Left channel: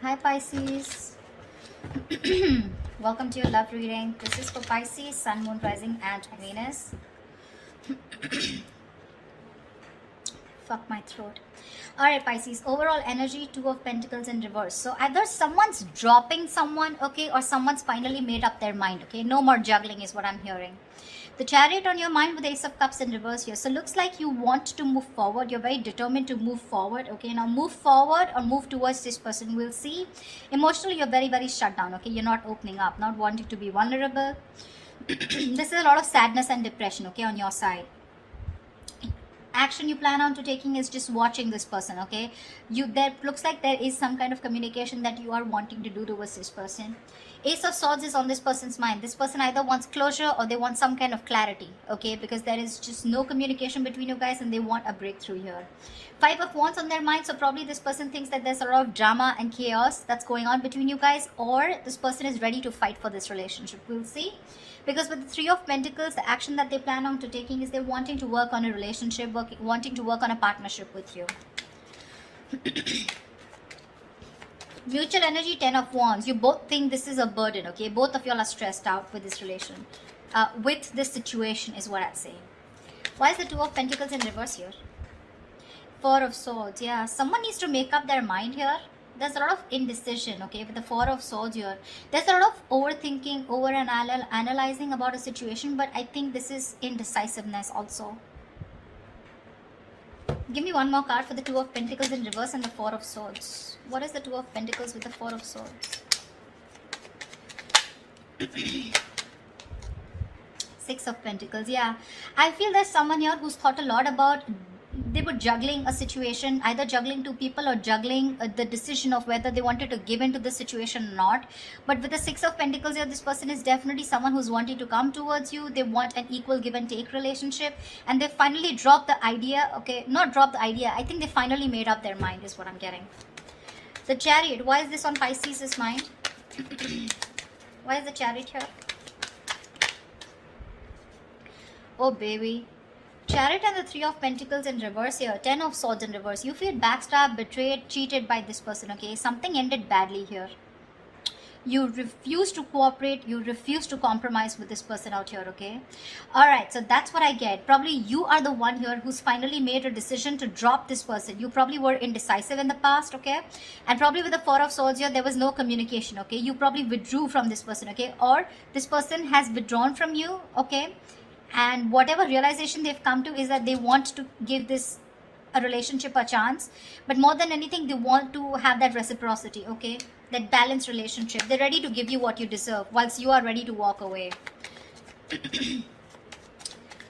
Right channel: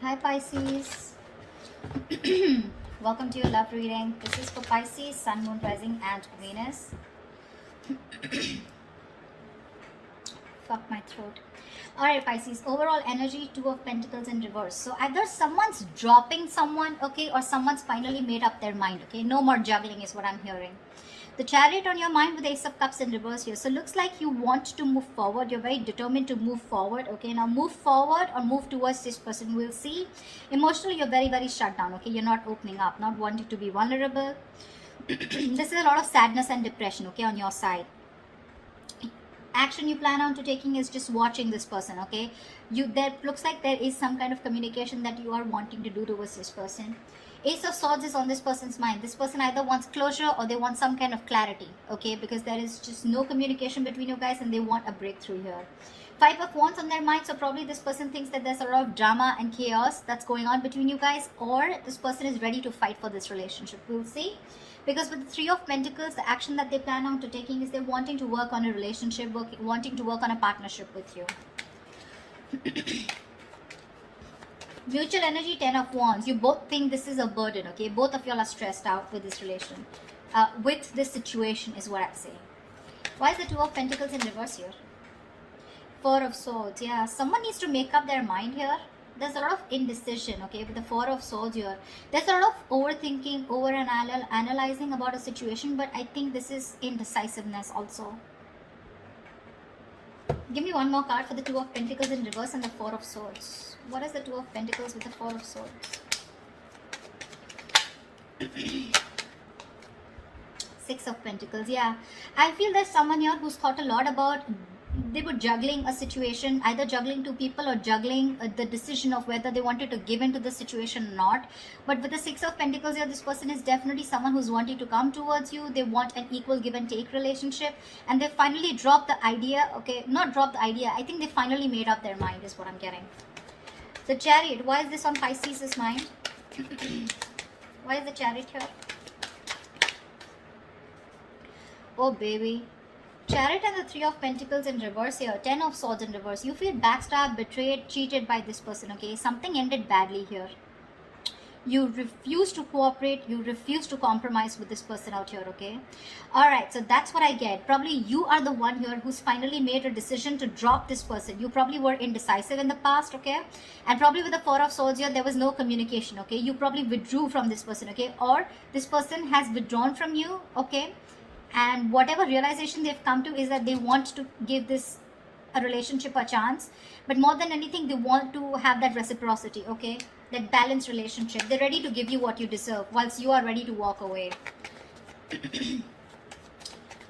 Hi Pisces. Welcome to your love reading. This is for Pisces, Sun, Moon, Rising, and Venus. Fuck my throat. Alright, Pisces. Overall energy, Two of Pentacles in reverse. So either someone's dropping someone, okay, or someone's finally made up their mind, okay. No more juggling is what I'm hearing. The Chariot on your mind with Ace of Cups in reverse here. So looks like you want to move forward. You're very determined to move forward. Okay, now move forward or move towards this person. We'll see. Emotionally, you're very, very shut down. Okay, you're not opening up, not wanting to be vulnerable. This is a lot of sadness and depression, okay, on your side. Action you plan on to taking is just watching this person, okay. There looks like there is some kind of communication that you are wanting to do towards this person. Ace of Swords is on this person's mind. This person either wants closure or they want some kind of clarity, okay, because there is just no communication between you guys and they want a breakthrough here. Five of Wands on their mind, so probably this person thinks that there's a lot of drama and chaos that's going on between you guys, or this person is ready to fight for this relationship. We'll see. Because with the Three of Pentacles, the action that they plan on to taking is they're wanting to work on a relationship, wanting to work on a partnership with you. Mutual energy, Ten of Wands. You both think this is a burden, okay? Both of y'all are stressed out with this relation. With this situation is what I'd say. Why is the Two of Pentacles in reverse here? Four of Swords. Yeah, someone needs to make up their mind here. There's a lot of indecision, okay, with the Four of Swords here. There's a lot of overthinking, analyzing about a situation, but I think this is indecisiveness also. Give me one more card for the Two of Pentacles in reverse and the Four of Swords. What is the Two of Pentacles with the Four of Swords? Six of Pentacles. Yeah, I feel there's someone here who's thought a lot about, they were juggling a situation, either juggling two people or juggling the decision of whether they wanted to give into the situation or not. But with the Six of Pentacles here, this person is definitely someone who's wanting to come towards you. They want an equal give and take relationship, and they finally dropped the idea. Okay, not dropped the idea, I think they finally made up their mind is what I'm getting. The Chariot. Why is this on Pisces' mind? Why is the Chariot here? Oh baby. Chariot and the Three of Pentacles in reverse here. Ten of Swords in reverse. You feel backstabbed, betrayed, cheated by this person, okay? Something ended badly here. You refuse to cooperate. You refuse to compromise with this person out here, okay? Alright, so that's what I get. Probably you are the one here who's finally made a decision to drop this person. You probably were indecisive in the past, okay? And probably with the Four of Swords here, there was no communication, okay? You probably withdrew from this person, okay? Or this person has withdrawn from you, okay? And whatever realization they've come to is that they want to give this a relationship a chance, but more than anything they want to have that reciprocity, okay, that balanced relationship. They're ready to give you what you deserve whilst you are ready to walk away.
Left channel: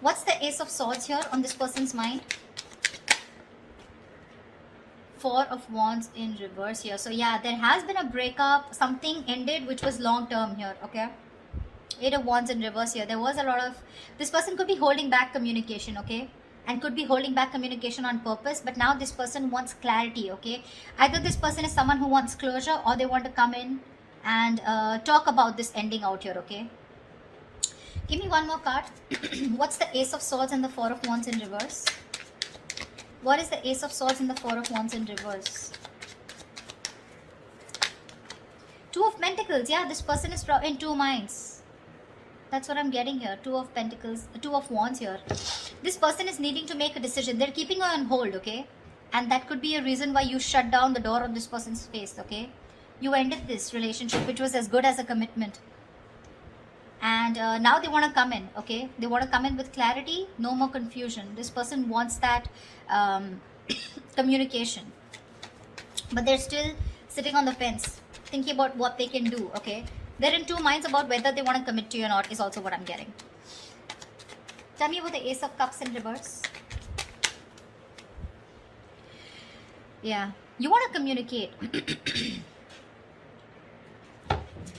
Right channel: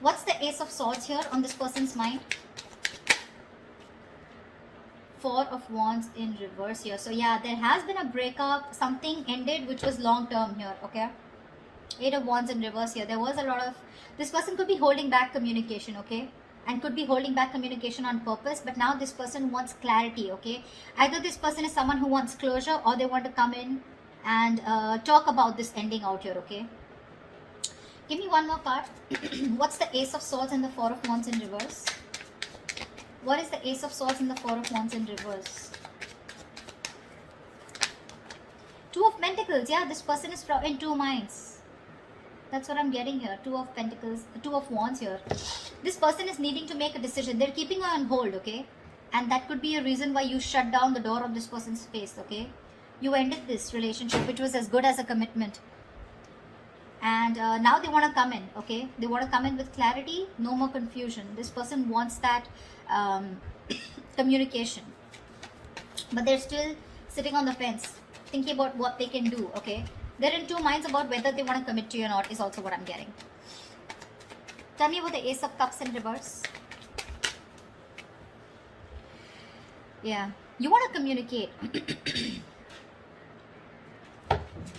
What's the Ace of Swords here on this person's mind? Four of Wands in reverse here. So yeah, there has been a breakup, something ended which was long term here, okay? Eight of Wands in reverse here. There was a lot of, this person could be holding back communication, okay, and could be holding back communication on purpose, but now this person wants clarity, okay. Either this person is someone who wants closure, or they want to come in and talk about this ending out here, okay. Give me one more card. What's the Ace of Swords and the Four of Wands in reverse? What is the Ace of Swords and the Four of Wands in reverse? Two of Pentacles. Yeah, this person is in two minds. That's what I'm getting here. Two of Pentacles, Two of Wands here. This person is needing to make a decision. They're keeping you on hold, okay? And that could be a reason why you shut down the door on this person's face, okay? You ended this relationship, which was as good as a commitment. And now they want to come in, okay? They want to come in with clarity, no more confusion. This person wants that communication. But they're still sitting on the fence, thinking about what they can do, okay? They're in two minds about whether they want to commit to you or not is also what I'm getting. Tell me about the Ace of Cups in reverse. Yeah, you want to communicate.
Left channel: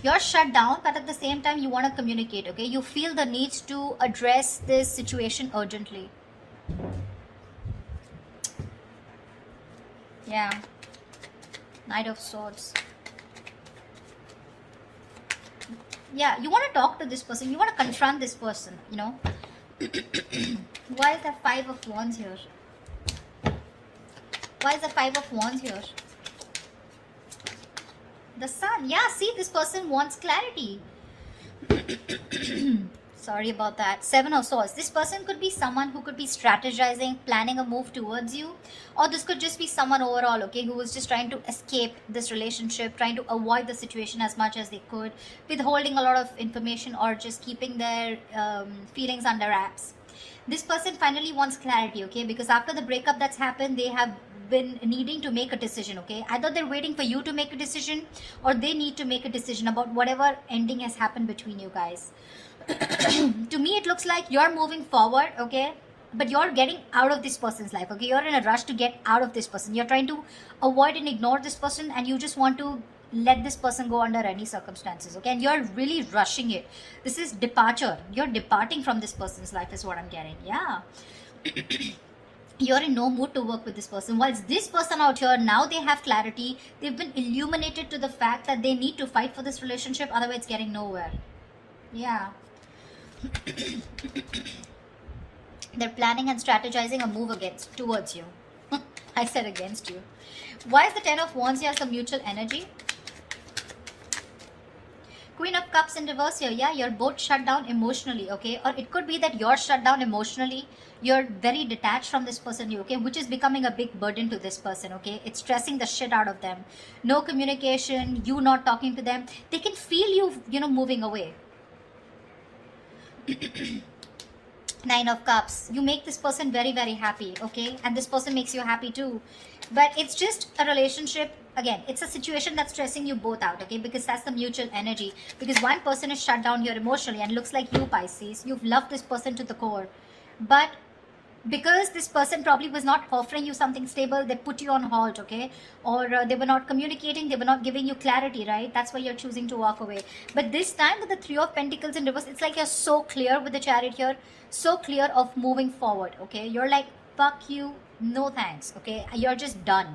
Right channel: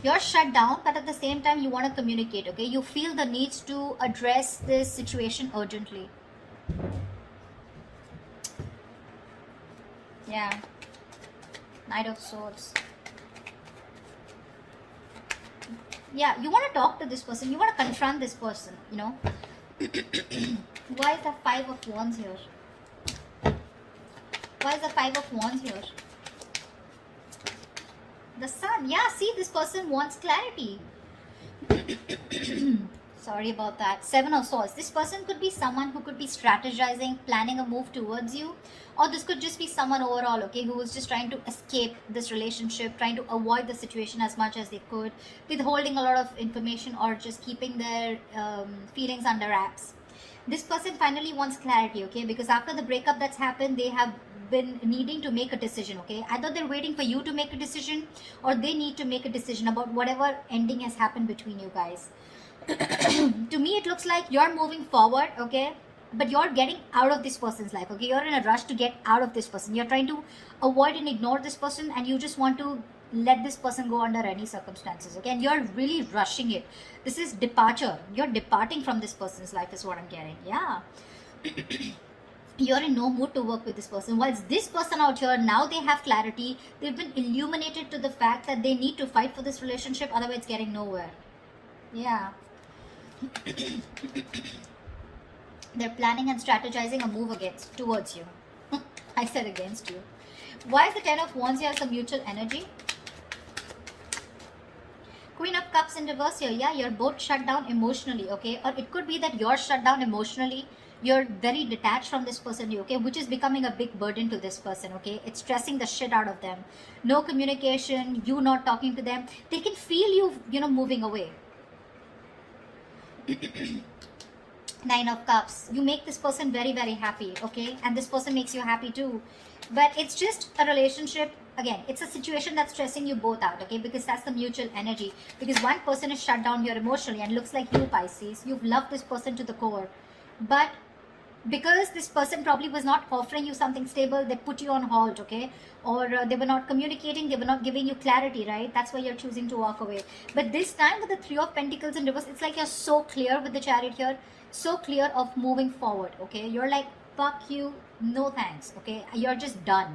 You're shut down, but at the same time you want to communicate, okay? You feel the need to address this situation urgently. Yeah. Knight of Swords. Yeah, you want to talk to this person. You want to confront this person, you know. Why is the Five of Wands here? Why is the Five of Wands here? see, this person wants clarity. Sorry about that. Seven of Swords. This person could be someone who could be strategizing, planning a move towards you, or this could just be someone overall, okay, who was just trying to escape this relationship, trying to avoid the situation as much as they could, withholding a lot of information, or just keeping their feelings under wraps. This person finally wants clarity, okay, because after the breakup that's happened, they have been needing to make a decision, okay. Either they're waiting for you to make a decision, or they need to make a decision about whatever ending has happened between you guys. To me, it looks like you're moving forward, okay, but you're getting out of this person's life, okay. You're in a rush to get out of this person. You're trying to avoid and ignore this person, and you just want to let this person go under any circumstances, okay, and you're really rushing it. This is departure. You're departing from this person's life is what I'm getting. Yeah. You're in no mood to work with this person. Whilst this person out here, now they have clarity. They've been illuminated to the fact that they need to fight for this relationship, otherwise it's getting nowhere. Yeah. They're planning and strategizing a move towards you. I said against you. Why is the Ten of Wands here some mutual energy? Queen of Cups in reverse here. Yeah, you're both shut down emotionally, okay? Or it could be that you're shut down emotionally. You're very detached from this person, okay? Which is becoming a big burden to this person, okay? It's stressing the shit out of them. No communication, you not talking to them. They can feel you, moving away. Nine of Cups. You make this person very, very happy, okay? And this person makes you happy too. But it's just a relationship. Again, it's a situation that's stressing you both out, okay? Because that's the mutual energy. Because one person is shut down here emotionally, and it looks like you, Pisces. You've loved this person to the core. But because this person probably was not offering you something stable, they put you on hold, okay? Or they were not communicating, they were not giving you clarity, right? That's why you're choosing to walk away. But this time with the Three of Pentacles in reverse, it's like you're so clear with the Chariot here, so clear of moving forward, okay? You're like, fuck you, no thanks, okay? You're just done.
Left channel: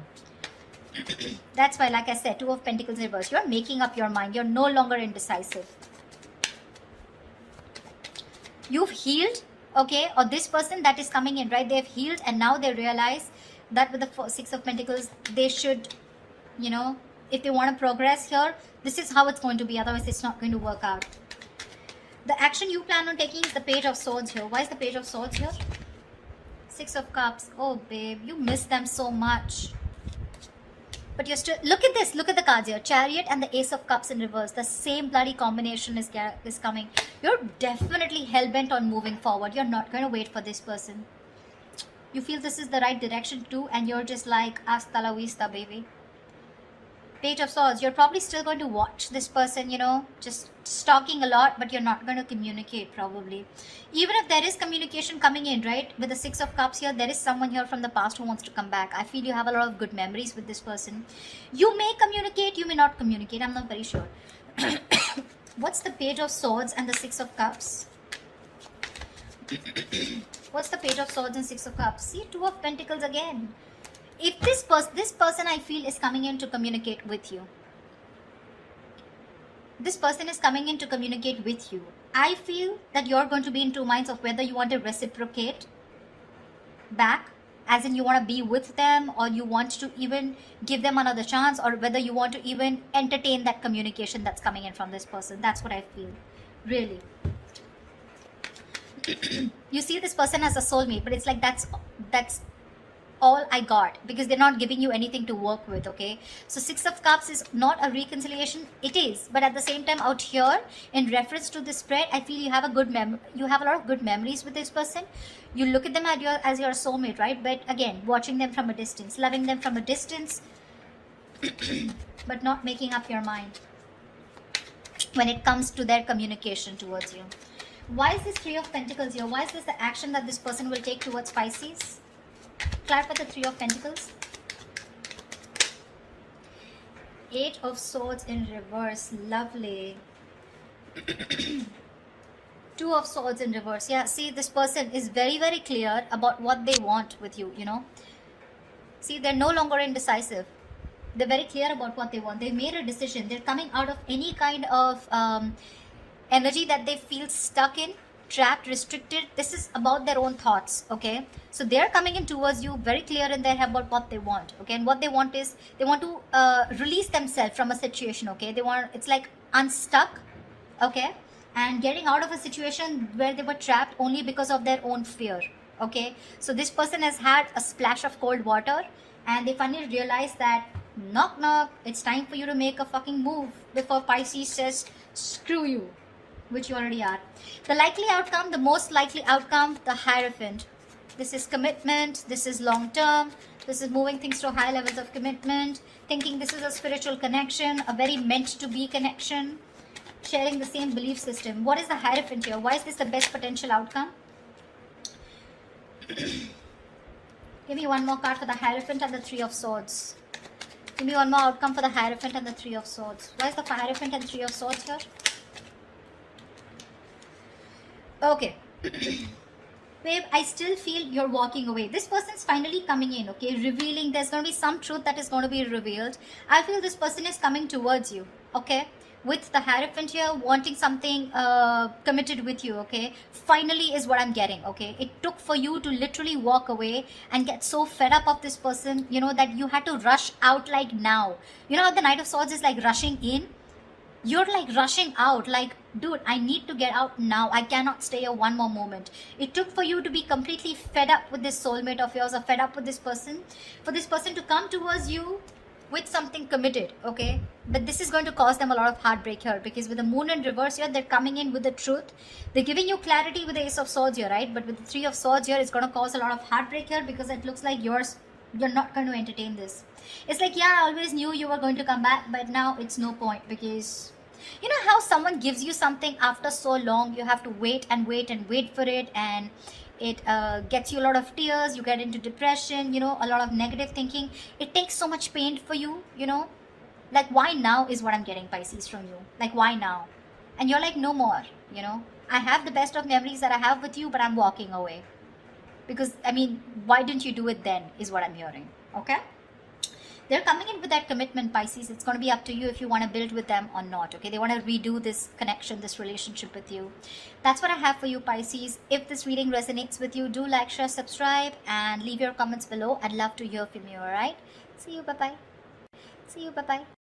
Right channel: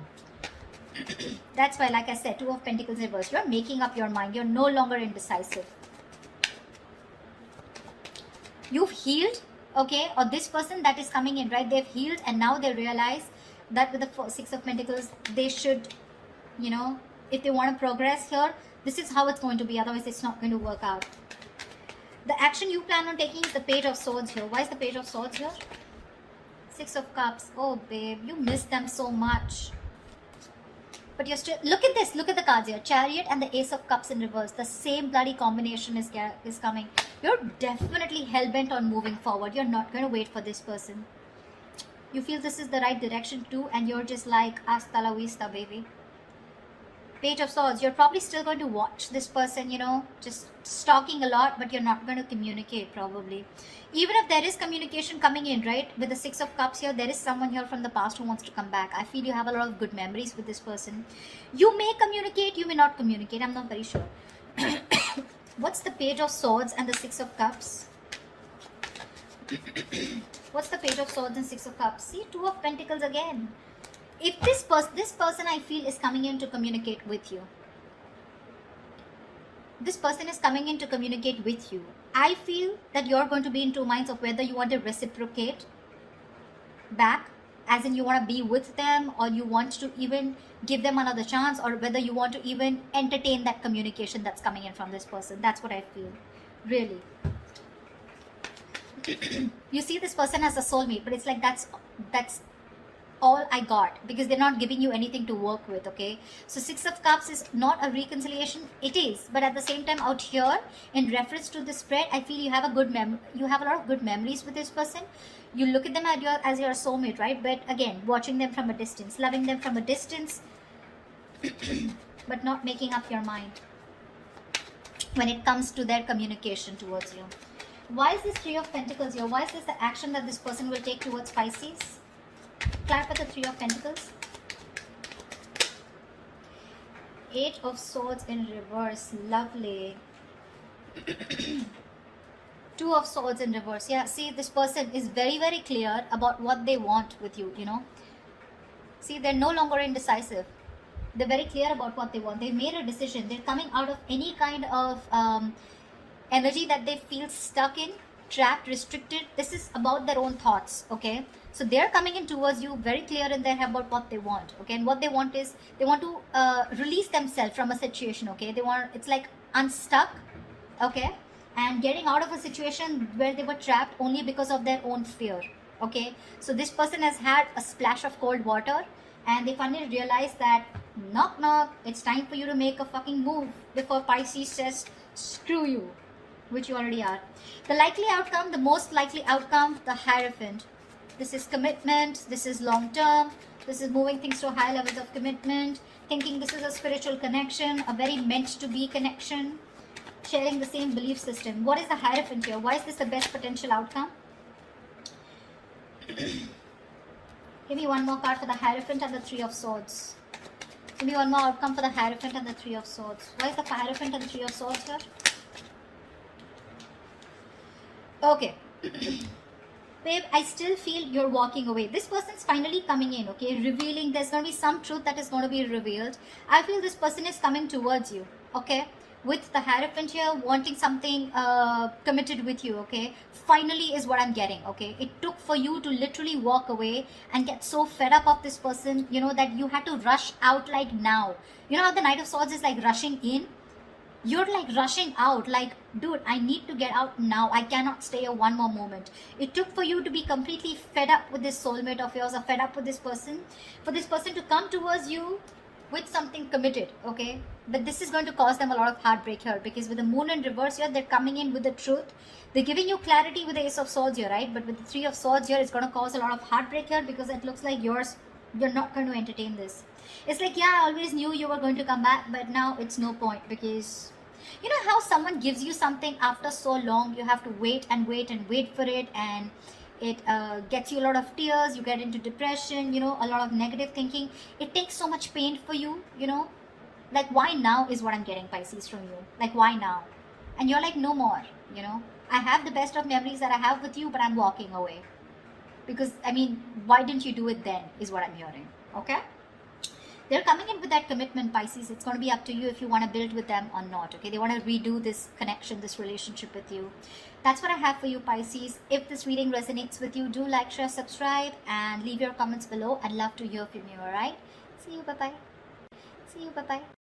That's why, like I said, Two of Pentacles in reverse, you're making up your mind. You're no longer indecisive. You've healed, okay? Or this person that is coming in, right? They've healed, and now they realize that with the Six of Pentacles, they should, if they want to progress here, this is how it's going to be. Otherwise, it's not going to work out. The action you plan on taking is the Page of Swords here. Why is the Page of Swords here? Six of Cups. Oh, babe, you miss them so much. But you're still, look at this, look at the cards here. Chariot and the Ace of Cups in reverse. The same bloody combination is coming. You're definitely hell-bent on moving forward. You're not going to wait for this person. You feel this is the right direction too, and you're just like, hasta la vista, baby. Page of Swords, you're probably still going to watch this person, just stalking a lot, but you're not going to communicate probably. Even if there is communication coming in, right, with the Six of Cups here, there is someone here from the past who wants to come back. I feel you have a lot of good memories with this person. You may communicate, you may not communicate, I'm not very sure. What's the Page of Swords and the Six of Cups? What's the Page of Swords and Six of Cups? See, Two of Pentacles again. If this person I feel is coming in to communicate with you. This person is coming in to communicate with you. I feel that you're going to be in two minds of whether you want to reciprocate back, as in you want to be with them, or you want to even give them another chance, or whether you want to even entertain that communication that's coming in from this person. That's what I feel. Really. You see this person as a soulmate, but it's like that's all I got, because they're not giving you anything to work with, okay? So Six of Cups is not a reconciliation. It is, but at the same time out here, in reference to this spread, I feel you have a lot of good memories with this person. You look at them as your soulmate, right? But again, watching them from a distance, loving them from a distance, but not making up your mind when it comes to their communication towards you. Why is this Three of Pentacles here? Why is this the action that this person will take towards Pisces? Clarify the Three of Pentacles. Eight of Swords in reverse. Lovely. Two of Swords in reverse. Yeah, see, this person is very, very clear about what they want with you, See, they're no longer indecisive. They're very clear about what they want. They made a decision. They're coming out of any kind of energy that they feel stuck in. trapped, restricted. This is about their own thoughts, okay? So they're coming in towards you very clear in their head about what they want, okay? And what they want is they want to release themselves from a situation, okay? They want, it's like unstuck, okay? And getting out of a situation where they were trapped only because of their own fear, okay? So this person has had a splash of cold water and they finally realize that knock knock, it's time for you to make a fucking move before Pisces says screw you, which you already are. The likely outcome, the most likely outcome, the Hierophant. This is commitment, this is long term, this is moving things to high levels of commitment, thinking this is a spiritual connection, a very meant to be connection, sharing the same belief system. What is the Hierophant here? Why is this the best potential outcome? Give me one more card for the Hierophant and the Three of Swords. Give me one more outcome for the Hierophant and the Three of Swords. Why is the Hierophant and the Three of Swords here? Okay. Babe, I still feel you're walking away. This person's finally coming in, okay? Revealing, there's going to be some truth that is going to be revealed. I feel this person is coming towards you, okay? With the Hierophant here, wanting something committed with you, okay? Finally is what I'm getting, okay? It took for you to literally walk away and get so fed up of this person, you know, that you had to rush out like now. You know how the Knight of Swords is like rushing in? You're like rushing out, like, dude, I need to get out now. I cannot stay here one more moment. It took for you to be completely fed up with this soulmate of yours or fed up with this person, for this person to come towards you with something committed, okay? But this is going to cause them a lot of heartbreak here, because with the Moon in reverse here, they're coming in with the truth. They're giving you clarity with the Ace of Swords here, right? But with the Three of Swords here, it's going to cause a lot of heartbreak here, because it looks like you're not going to entertain this. It's like, yeah, I always knew you were going to come back, but now it's no point, because you know how someone gives you something after so long, you have to wait and wait and wait for it, and it gets you a lot of tears, you get into depression, you know, a lot of negative thinking. It takes so much pain for you, you know. Like, why now is what I'm getting, Pisces, from you. Like, why now? And you're like, no more, you know. I have the best of memories that I have with you, but I'm walking away. Because, I mean, why didn't you do it then, is what I'm hearing, okay? They're coming in with that commitment, Pisces. It's going to be up to you if you want to build with them or not, okay? They want to redo this connection, this relationship with you. That's what I have for you, Pisces. If this reading resonates with you, do like, share, subscribe, and leave your comments below. I'd love to hear from you, all right? See you, bye-bye. See you, bye-bye.